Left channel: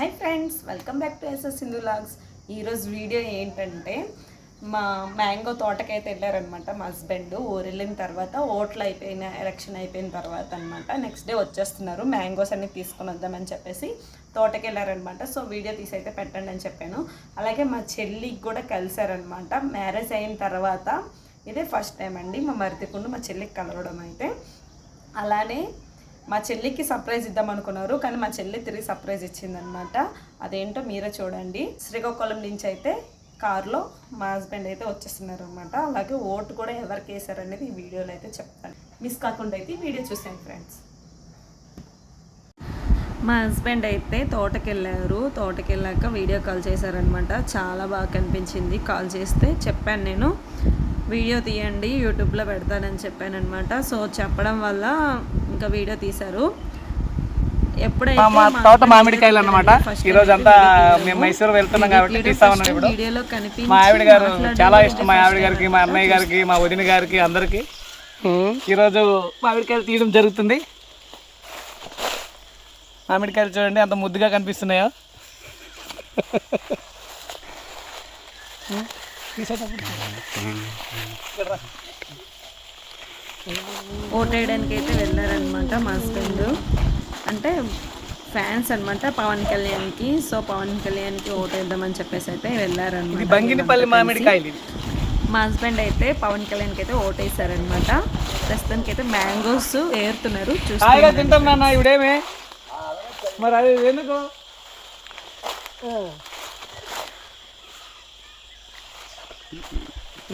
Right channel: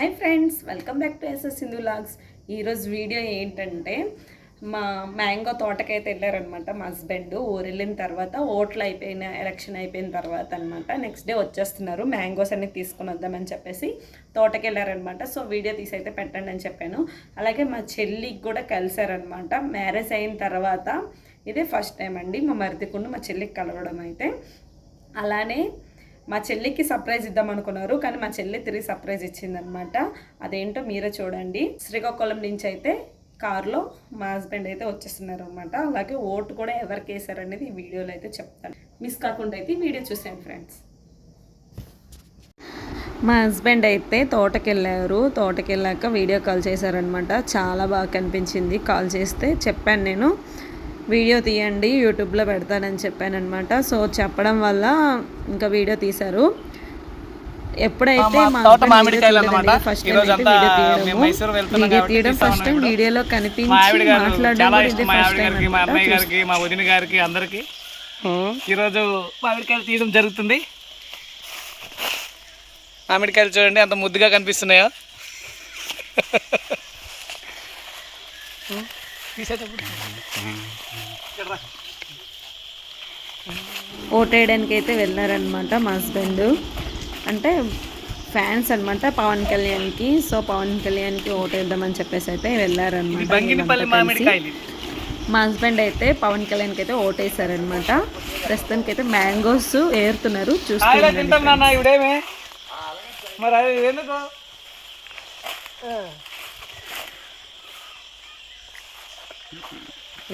Hi friends, welcome back to SS Sindhu vlogs. ఈరోజు video ఏంటంటే మా మ్యాంగో తోటకైతే వెళ్ళారనమాట. మా హస్బెండ్ ఊరు వెళ్ళిన తర్వాత ఓట్లు అయిపోయిన ఎలక్షన్ అయిపోయిన తర్వాత అనమాట. నెక్స్ట్ డే వచ్చేస్తున్నారు, మ్యాంగోస్ అన్ని తీసుకుని వద్దామని చెప్పేసి తోటకి వెళ్ళారనమాట. సో వీడియో తీసి అయితే పెట్టండి అని చెప్పాను. అలాగే మా చెల్లికి కూడా కలిసారనమాట. మ్యారేజ్ అయిన తర్వాత ఇదే ఫస్ట్ టైం అండి మా మరిదికుండు మా చెల్లికి కలవడం అయితే. అలానే మా చెల్లికి సర్ప్రైజ్ ఇద్దాం అనుకున్నారు, కానీ మా చెల్లి తిరిగి సర్ప్రైజ్ ఇచ్చిందనమాట. అదేంటో మీరే చూడండి. శ్రీకాకుళం నుంచి అయితే కారులో మా హస్బెండ్ అయితే వచ్చేస్తున్నారు అనమాట. అలాగే ఓటు కూడా ఎవరికి వేసారనేది ఈ వీడియోలో అయితే చెప్తాను. మిస్ కాకుండా అయితే ఈ వీడియో చూసాను ఫ్రెండ్స్. మా హస్బెండ్ అయితే తోటకి వెళ్ళాక వీడియో కాల్ చేశారనమాట. చాలా బాగా కనిపించింది. కాల్ చేస్తే చెప్పాను, నేను వీడియో తీయండి యూట్యూబ్లో పెడతానని చెప్పానమాట. సో చెప్పడం వల్ల ఇంకా వీడియో తీశారు. ఎప్పుడైతే మామిడికాయలు అన్నమాట. ఈ రోజు అంతా మేము మైసూరు వెళ్తున్నాం కాబట్టి వీడియోలో కనిపించి మా ఆవిడ గారు చాలా ఇష్టం. మా ఆవిడ గారికి, మా అన్నయ్య గారికి, మా వదిన గారికి అందరికి ఈరోజు మామిడికాయలు తీయడం జరుగుతుంది. మామిడికాయలు చూడండి ఎంత ముద్దుగా కనిపిస్తున్నాయో. ఓటేయడానికి అయితే వెళ్ళారనమాట మా హస్బెండ్. అంటే ఫ్యాన్స్ అనమాట పవన్ కళ్యాణ్కి. సో పవన్ కళ్యాణ్కి ఓటేద్దామని చెప్పేసి అయితే వెళ్ళారనమాట. మా హస్బెండ్ అయితే పవన్ కళ్యాణ్కి అయితే ఓటేసారనమాట. ప్రస్తుతానికి అయితే మ్యాంగోస్ ఏరుతున్నారు, చూస్తున్నాం. మరి అది ఎందుకు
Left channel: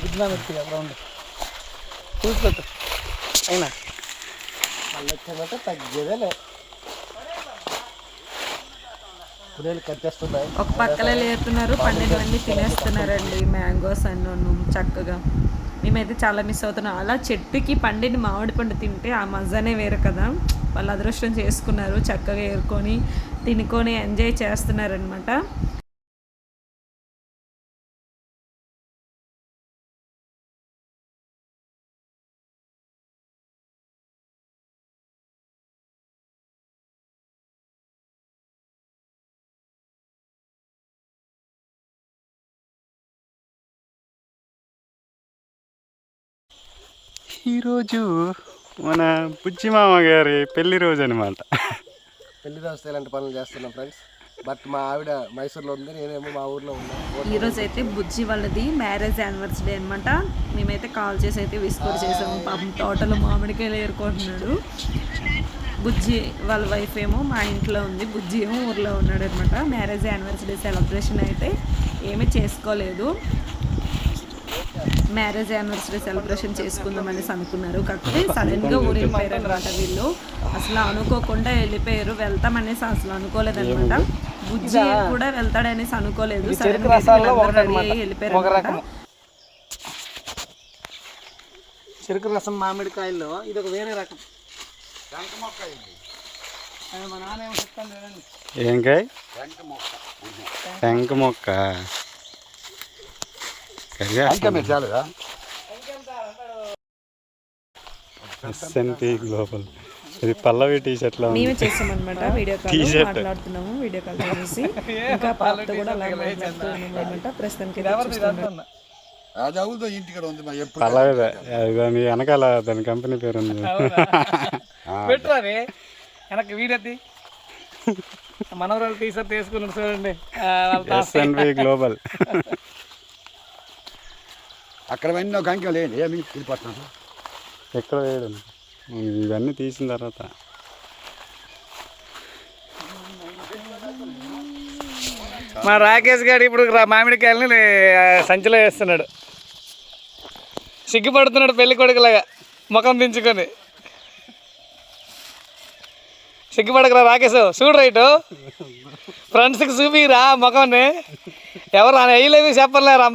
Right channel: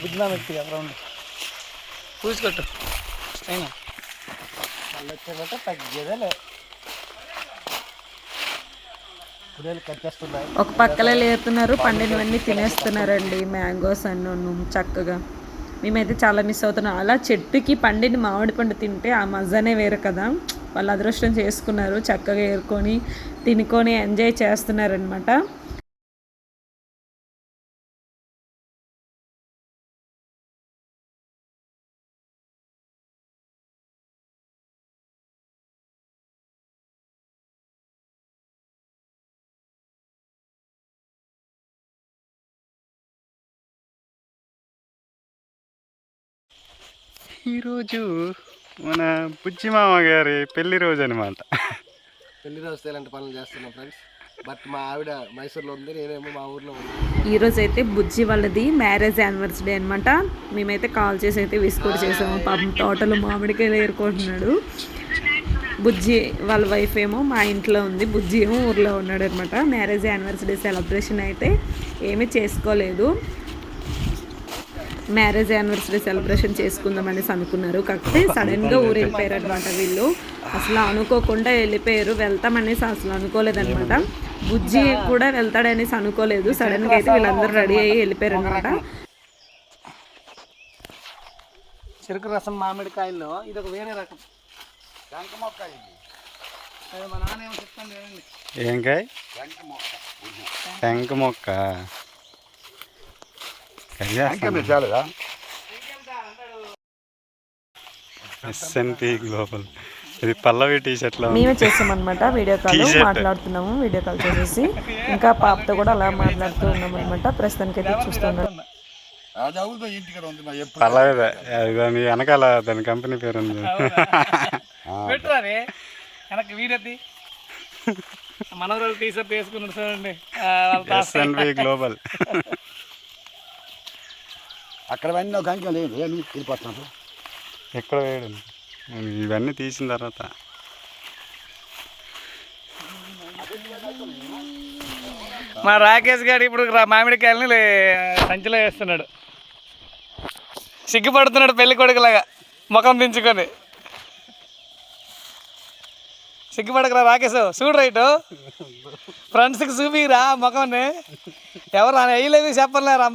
గుడ్నా పెట్టి రౌండ్ చూసుకోవచ్చు. అవునా మళ్ళీ వచ్చేదంటే తగ్గేదే. ఒక పక్కలో లేపుతున్నారు, పండినవన్నీ తినేస్తున్నారండి మ్యాంగోస్ అన్నీ చక్కగా. మేమైతే చాలా మిస్ అవుతున్నాం. అలా చెట్టుకి పండిన మామిడి పండు తింటే ఆ మజానే వేరు కదా. వాళ్ళు అదృష్టం చేసుకున్నారు, చక్కగా ఏరుకొని తినుకొని ఎంజాయ్ చేస్తున్నారనమాట. ఈరోజు మన బుజ్జి మామ గారి పెళ్లి రోజు అనమాట. పెళ్లి రోజు ఇలాంటి పనులు చేస్తున్నాం ఫ్రెండ్స్. బట్ మా ఆవిడ మైసూర్లో ఉంది, నేనేమో మా ఊర్లో ఉన్నాను. ఈరోజు అయితే బుజ్జి వాళ్ళది మ్యారేజ్ యానివర్సరీ అనమాట. మేమైతే కాల్ చేసి అయితే విస్కోర్ చేసాము. పాపం తోటలో మామిడికాయలు ఏరుకుంటున్నాడు. బుజ్జి వాళ్ళ వైఫ్ ఏమో మా ఇంట్లో ఉంది, బుజ్జి ఏమో ఊర్లో ఉన్నాడు అనమాట. మ్యారేజ్ యానివర్సరీ సెలబ్రేషన్ అయితే ఏమీ చేసుకోలేదు. మ్యారేజ్ యానివర్సరీ సెలబ్రేషన్ చేసుకుందాం అనేసి అనుకున్నారు. కాకపోతే సడన్గా ఊరు వెళ్ళిపోయారు అనమాట. వీళ్ళు అసలు అనుకోకుండా వెళ్ళిపోయారు. వెళ్తామనేసి అసలు అనుకోలేదనమాట. బుజ్జి కూడా వెళ్తాడనేసి అనుకోలేదు. సడన్గా అయితే వీళ్ళందరూ రెడీ అయ్యి వెళ్ళిపోయారు అనమాట. చెరుకు రసం మామిడికాయల్లో ఇది ఒక వేరే రకం. ఏం కాయ? టెంక మొక్క. SNP global. ఇది పల్లవి టీ షర్ట్ లో మేమే చేసామన్నమాట. వీడియో కాల్ మాట్లాడుతున్నాము. వీడియో కాల్ చేసేసి ఇంకా పాపతో కూడా అలా మాట్లాడుతూ ఉన్నాం అనమాట. ప్రస్తుతానికి అయితే చూస్తున్నాం. పల్లవిదే దాని వెనకాల దాని కంపెనీ పేరు ఉంది. వెనక్కి వీడది మనవరాలు టీ షర్ట్ వేసుకున్నాడు చూడండి. SNP global. అక్కడ ఎక్కడ వేయడం ఇవన్నీ తీసిన తర్వాత మా రాకేష్ గారు ఇప్పుడు మామిడికాయలని సంచిలో వేస్తున్నాడు. సిగ్గుపడుతున్నాడు పెళ్లి కొడుకులాగా ముఖం దించుకొని. సిగ్గుపడకరా రాకేష్, చూడు రైటు ఫ్రెండ్స్కి చూపిరా ముఖంని. ఎవరు వేయలేవి చెప్పలేరు.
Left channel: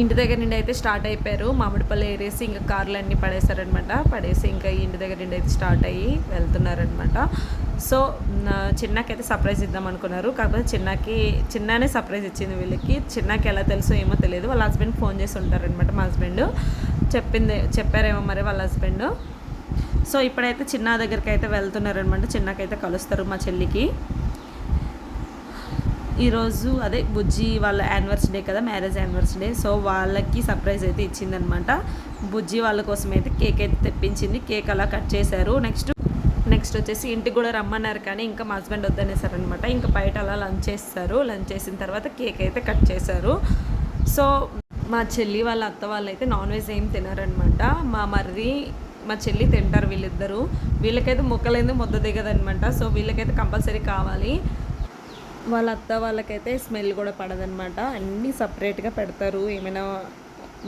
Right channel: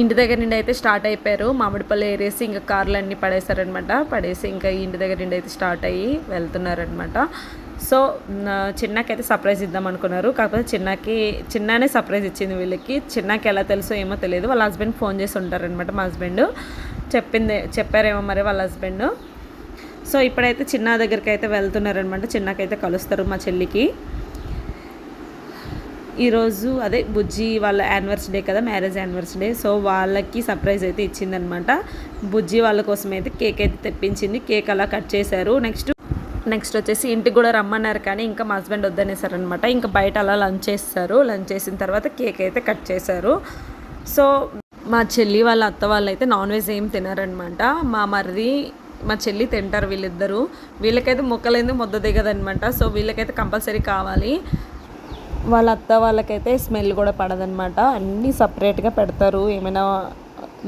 ఇంటి దగ్గర నుండి అయితే స్టార్ట్ అయిపోయారు. మామిడిపల్లి ఏరేసి ఇంకా కార్లు అన్నీ పడేశారనమాట. పడేసి ఇంకా ఇంటి దగ్గర నుండి అయితే స్టార్ట్ అయ్యి వెళ్తున్నారనమాట. సో చిన్నకైతే సర్ప్రైజ్ ఇద్దాం అనుకున్నారు. కాకపోతే చిన్ననే సర్ప్రైజ్ ఇచ్చింది వీళ్ళకి. చిన్నకి ఎలా తెలుసో ఏమో తెలియదు. వాళ్ళ హస్బెండ్ ఫోన్ చేసి ఉంటారనమాట. మా హస్బెండ్ చెప్పారేమో మరి వాళ్ళ హస్బెండ్. సో ఇప్పుడైతే చిన్న దగ్గరికి అయితే వెళ్తున్నారనమాట. చిన్నకైతే కలుస్తారు మా చెల్లికి. ఈరోజు అదే బుజ్జి వాళ్ళ యానివర్సరీ డే కదా, మ్యారేజ్ యానివర్సరీ డే. సో వాళ్ళకి సర్ప్రైజ్ అయితే ఇచ్చిందనమాట. బుజ్జి వాళ్ళ కోసం అయితే కేక్ అయితే తెప్పించింది. కేక్ అలా కట్ చేశారు. నెక్స్ట్ వచ్చేసి ఇంటికి కూడా రమ్మన్నారు, కానీ ఇంకా మా హస్బెండ్ వద్దనేసారనమాట. ఇంకా బయట అలా లంచ్ చేస్తారు. లంచ్ చేసిన తర్వాత కేక్ అయితే కట్ చేశారు. సో మా చెల్లి వాళ్ళ అత్త వాళ్ళు అయితే నాన్ వెజ్ ఏం తినారనమాట. మా మరిది మా చెల్లి తింటారు వీళ్ళిద్దరూ. వీళ్ళకైతే ముక్కలేదు ముద్ద దిగదనమాట. సో వీళ్ళకైతే కంపల్సరీ కావాలి. వాళ్ళ అత్త వాళ్ళకైతే స్మెల్ కూడా పడదనమాట. అన్నీ సపరేట్గా పెడతారు. ఏమైనా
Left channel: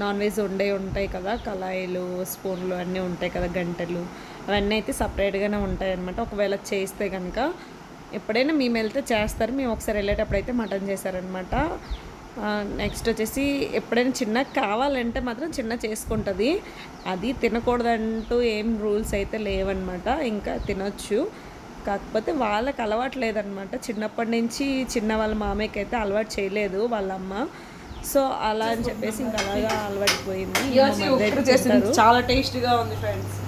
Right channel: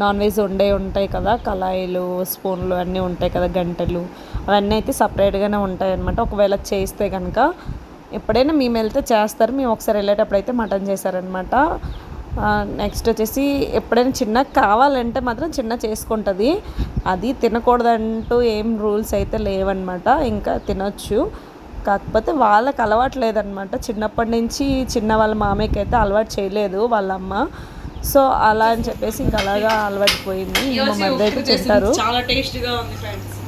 నాన్ వెజ్ ఉంటాయి కదా, కళాయిలు, స్పూన్లు అన్నీ ఉంటాయి కదా, గంటలు, అవన్నీ అయితే సపరేట్గానే ఉంటాయి అనమాట. ఒకవేళ చేస్తే కనుక ఎప్పుడైనా మేము వెళ్తే చేస్తారు. మేము ఒకసారి వెళ్ళేటప్పుడు అయితే మటన్ చేశారనమాట. నెక్స్ట్ వచ్చేసి ఎప్పుడైనా చిన్న కావాలంటే మాత్రం చిన్న చేసుకుంటుంది. అది తినకూడదంటూ ఏం రూల్స్ అయితే లేవన్నమాట. ఇంకా తినొచ్చు, కాకపోతే వాళ్ళకి అలవాటు లేదనమాట. చిన్నప్పటి నుంచి చిన్న వాళ్ళ మామయ్యకి అయితే అలవాటు చేయలేదు వాళ్ళ అమ్మ. సో అలా అని చెప్పేసి ఇంకా అలాగా అలవాటుపోయింది. తింటారు, చాలా టేస్ట్గా ఉంది ఫ్రెండ్స్.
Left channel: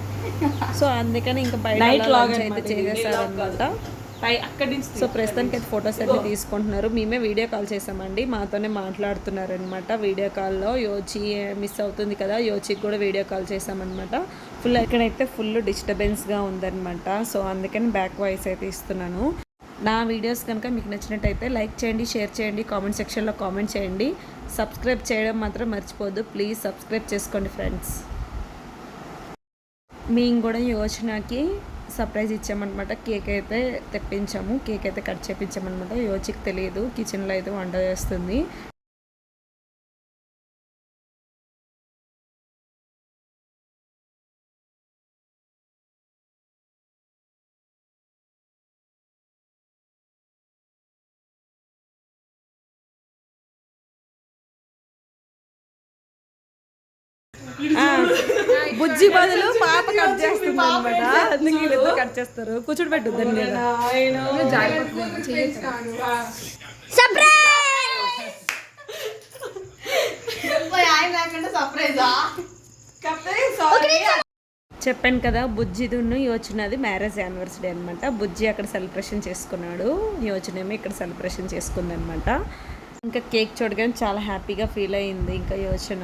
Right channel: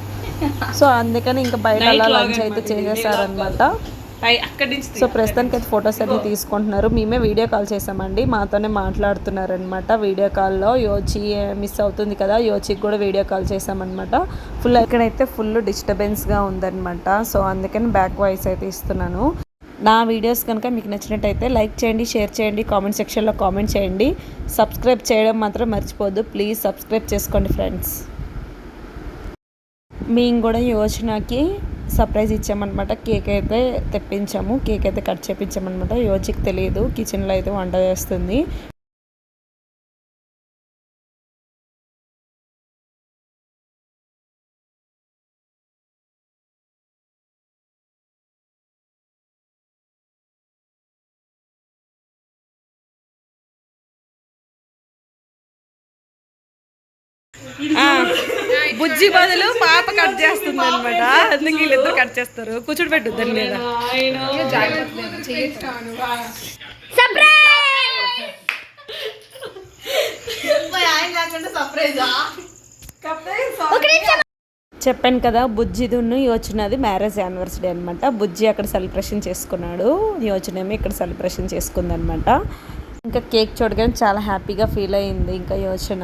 సో అందుకని ఇంకా బయట అలా లంచ్ అయితే చేసేసారనమాట. సో ప్రస్తుతానికి అయితే ఫొటోస్ అన్ని తీసుకుంటున్నారు. మేమే వీడియో కాల్ చేసామండి. మాతోనే మాట్లాడుతున్నారనమాట వీడియో కాల్లో. యోచి మిస్ అవుతుంది కదా, యోచికి కూడా వీడియో కాల్ చేసామన్నమాట. ఇక్కడైతే ఫుల్ డిస్టర్బెన్స్గా ఉందన్నమాట. సో అందుకని బ్యాక్ వాయిస్ అయితే ఇస్తున్నాను. నా వీడియోస్ కనుక మీకు నచ్చినట్టయితే లైక్ చేయండి, షేర్ చేయండి, కామెంట్ సెక్షన్లో కామెంట్ చేయండి. సబ్స్క్రైబ్ చేయడం మాత్రం మర్చిపోద్దు. ప్లీజ్ సబ్స్క్రైబ్ చేసుకోండి ఫ్రెండ్స్. మేము కూడా యోచనకి సర్ప్రైజ్ ఇచ్చామన్నమాట. కేక్ అయితే తెప్పించాము, కేక్ అయితే కట్ చేయించామన్నమాట. యోచికి తెలియదు, కిచెన్లో అయితే వంట చేస్తుంది. బుజ్జి బదులు పాప కట్ చేస్తుంది అనమాట. అందుకే వీళ్ళిద్దరు కట్ చేస్తారు. కూర్చోటి పెట్టు దాని మీద. చెప్పాను కదా, బుజ్జిదున్ను యోచనది మ్యారేజ్ యానివర్సరీ అనమాట. బుజ్జి అక్కడ సెలబ్రేషన్ చేసుకున్నాడు, యోచనేమో ఇక్కడ సెలబ్రేషన్ చేసుకుందనమాట. ఇంకా కేక్ చూడగానే చాలా హ్యాపీగా ఫీల్ అయ్యింది ఇంకా యోచన.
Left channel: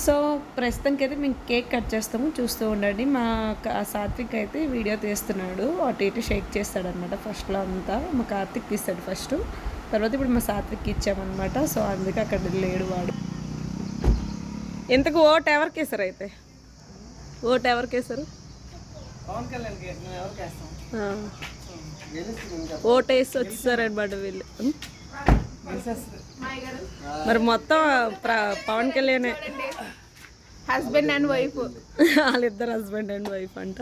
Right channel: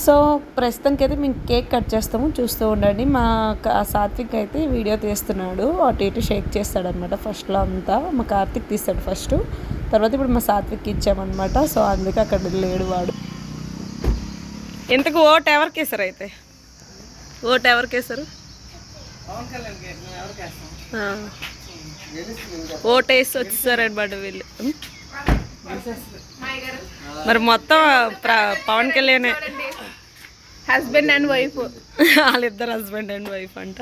సో ప్రస్తుతానికి అయితే మేము కేక్ కట్ చేస్తాము, చూస్తూ ఉండండి. మా సాత్విక్ అయితే వీడియో తీస్తున్నాడు, అటు ఇటు షేక్ చేస్తాడనమాట. ఫస్ట్లో అంతా మా కార్తిక్ తీస్తాడు ఫస్ట్, తర్వాత ఇప్పుడు మా సాత్విక్ ఇచ్చామన్నమాట. సో అందుకే అక్కడ లేడు వాడు. ఇంతకు ఓటు ఎవరికి వేసారు? అయితే ఓటు ఎవరికి వేసారు? ఓటు వేసి వచ్చేసారనమాట వీళ్ళు. మరి మొత్తం Pawan Kalyan husband and wife, వాళ్ళిద్దరు హస్బెండ్ అండ్ వైఫ్ అంట.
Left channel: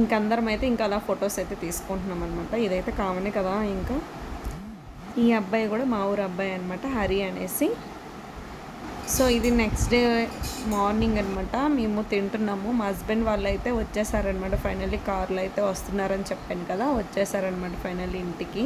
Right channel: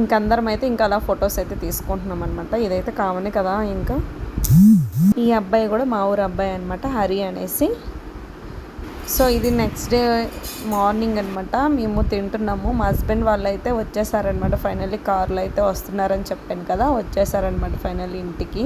ఇంకందరం అయితే ఇంకా అలా ఫొటోస్ అయితే తీసుకుంటున్నాం అనమాట. ఇదైతే కామనే కదా. ఇంకా ఈ అబ్బాయి కూడా మా ఊరు అబ్బాయి అనమాట, హరి అనేసి. సో ఇది నెక్స్ట్ డే మార్నింగ్ అనమాట. మేము తింటున్నాము. మా హస్బెండ్ వాళ్ళు అయితే వచ్చేసారనమాట. ఫైనల్లీ కార్లో అయితే వస్తున్నారని చెప్పాను కదా, వచ్చేసారనమాట ఫైనల్లీ ఇంటికి.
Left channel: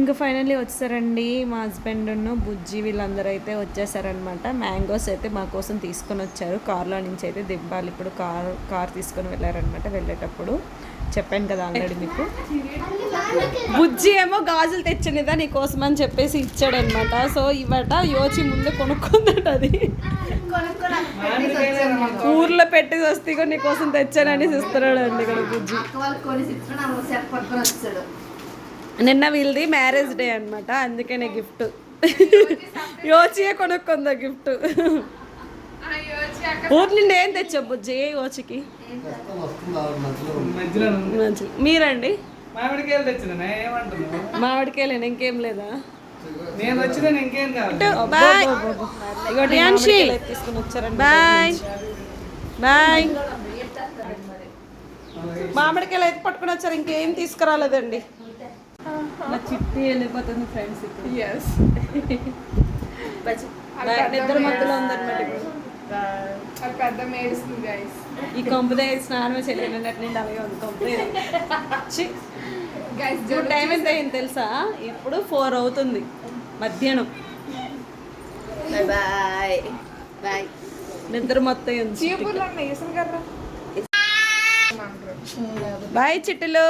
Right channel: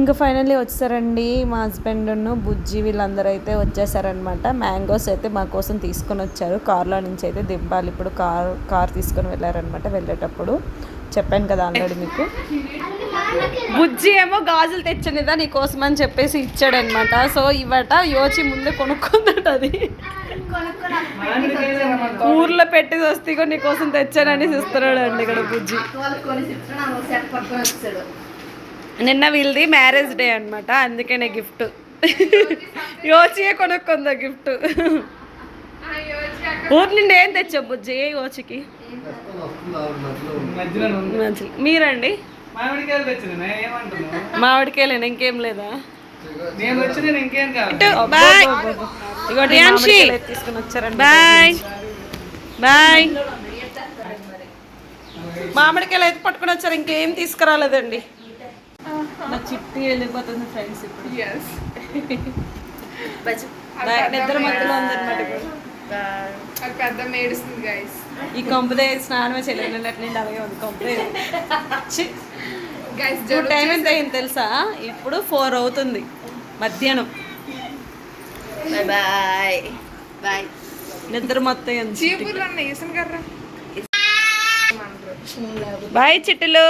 ఇంకా ఫైనల్లీ వచ్చేసారండి మా హస్బెండ్ను బుజ్జి వీళ్ళందరూ అయితే వచ్చేసారనమాట. మ్యాంగోస్ అయితే మా కోసం తీసుకొని వచ్చారు. కార్లో నుంచి అయితే దింపాలి. ఇప్పుడు కార్ తీసుకొని వెళ్ళారనమాట. వెళ్ళేటప్పుడు చెప్పాను కదా ఆల్రెడీ మీకు. బుజ్జి ఏమో గాజులు తెచ్చనిదా నీకోసం అని చెప్పేసి ఇచ్చాడనమాట. సో ఇవట యోచి ముందే కొనుక్కుందట, అది ఊర్లో పెట్టి వస్తే కూడా నీకోసం తెచ్చానని చూస్తున్నాడు అండి ఇక్కడ బుజ్జి. నిన్న వీళ్ళది మ్యారేజ్ డే అనమాట, అందుకనే గిఫ్ట్. యోచియే కొనుక్కుందా గిఫ్ట్. ఊరి నుండి ఏం తెచ్చావు బుజ్జి యోచికి? మీరండి? మామిడికాయలు తెచ్చింది ఏమంటున్నావు? మామిడికాయలేనా, ఇంకేం లేదా? నేను వచ్చిన ఇంకేం కాదు. బాయ్. తీసుకుని వచ్చారండి. Bye bye. మామిడికాయలు అయితే పట్టుకుని వచ్చారు, ఇంకేం తీసుకురాలేదండి. మా చిట్టి వెళ్ళిపోతుంది ఫ్రెండ్స్ ఇప్పుడు. నిద్ర మధ్యలో ఉందన్నమాట ఇప్పుడు. ఈ కొంపదే స్నానమే చేయలేదు నిన్నటి అలాగే ఉంది కొంపదే. టైం ఎంత అయింది తెలుసా? ఇప్పుడు 4 అవుతుంది మధ్యాహ్నం. Bye bye. నిద్ర మొత్తం బాయ్ చిట్టులు.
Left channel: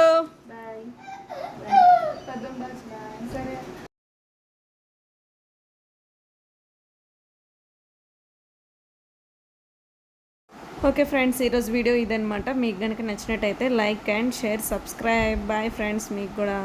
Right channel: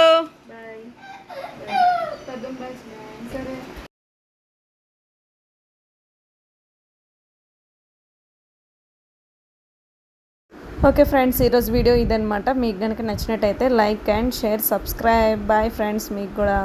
ఓకే ఫ్రెండ్స్, ఈరోజు వీడియో ఇదనమాట. మీకు కనుక నచ్చినట్టయితే like and share, subscribe. Bye friends, మీకు కూడా.